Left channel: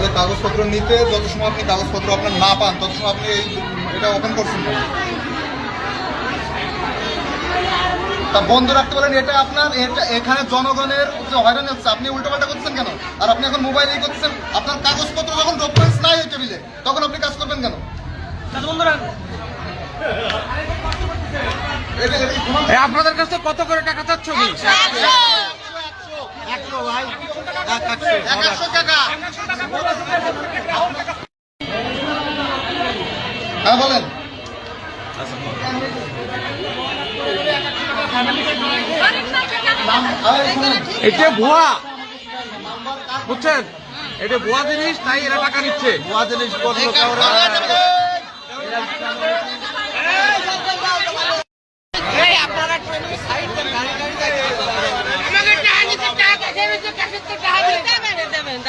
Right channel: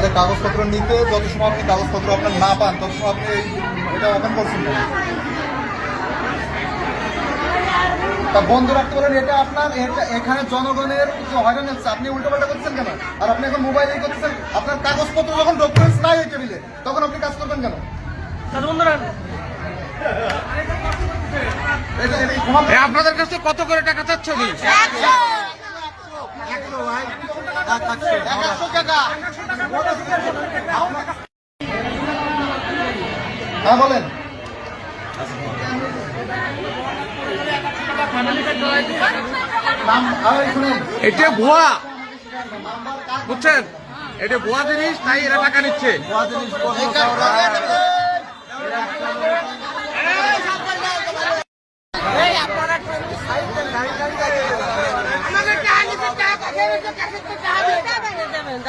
তাহলে কাগজপত্র নিতে যত সময় আপনি কাগজপত্র আপনার না পান তত সময় আপনি এটা ওপেন করছেন কেন? তা বন্ধ রাখতে বলেন, এটা আপনার এখানে জনগণের যে হয়রানি হচ্ছে, আপনি উল্টোপাল্টা করছেন কেন? আর আপনি এখন মোবাইলেই করছেন। আপনার কাগজপত্র যখন ডকুমেন্টস নাই ওই টেবিলে, তখন আপনি কাজ করবেন কেন? আপনাদের কাছে কত করে টাকা চাচ্ছ? 100 টাকা। হ্যাঁ বলেন। এটা ভুয়া, বুঝছেন? এটা ভুয়া জিনিস, তাই এরা টাকা নিচ্ছে। ভুয়া জিনিস আমাকে টাকা দিতে টাকা দেবেন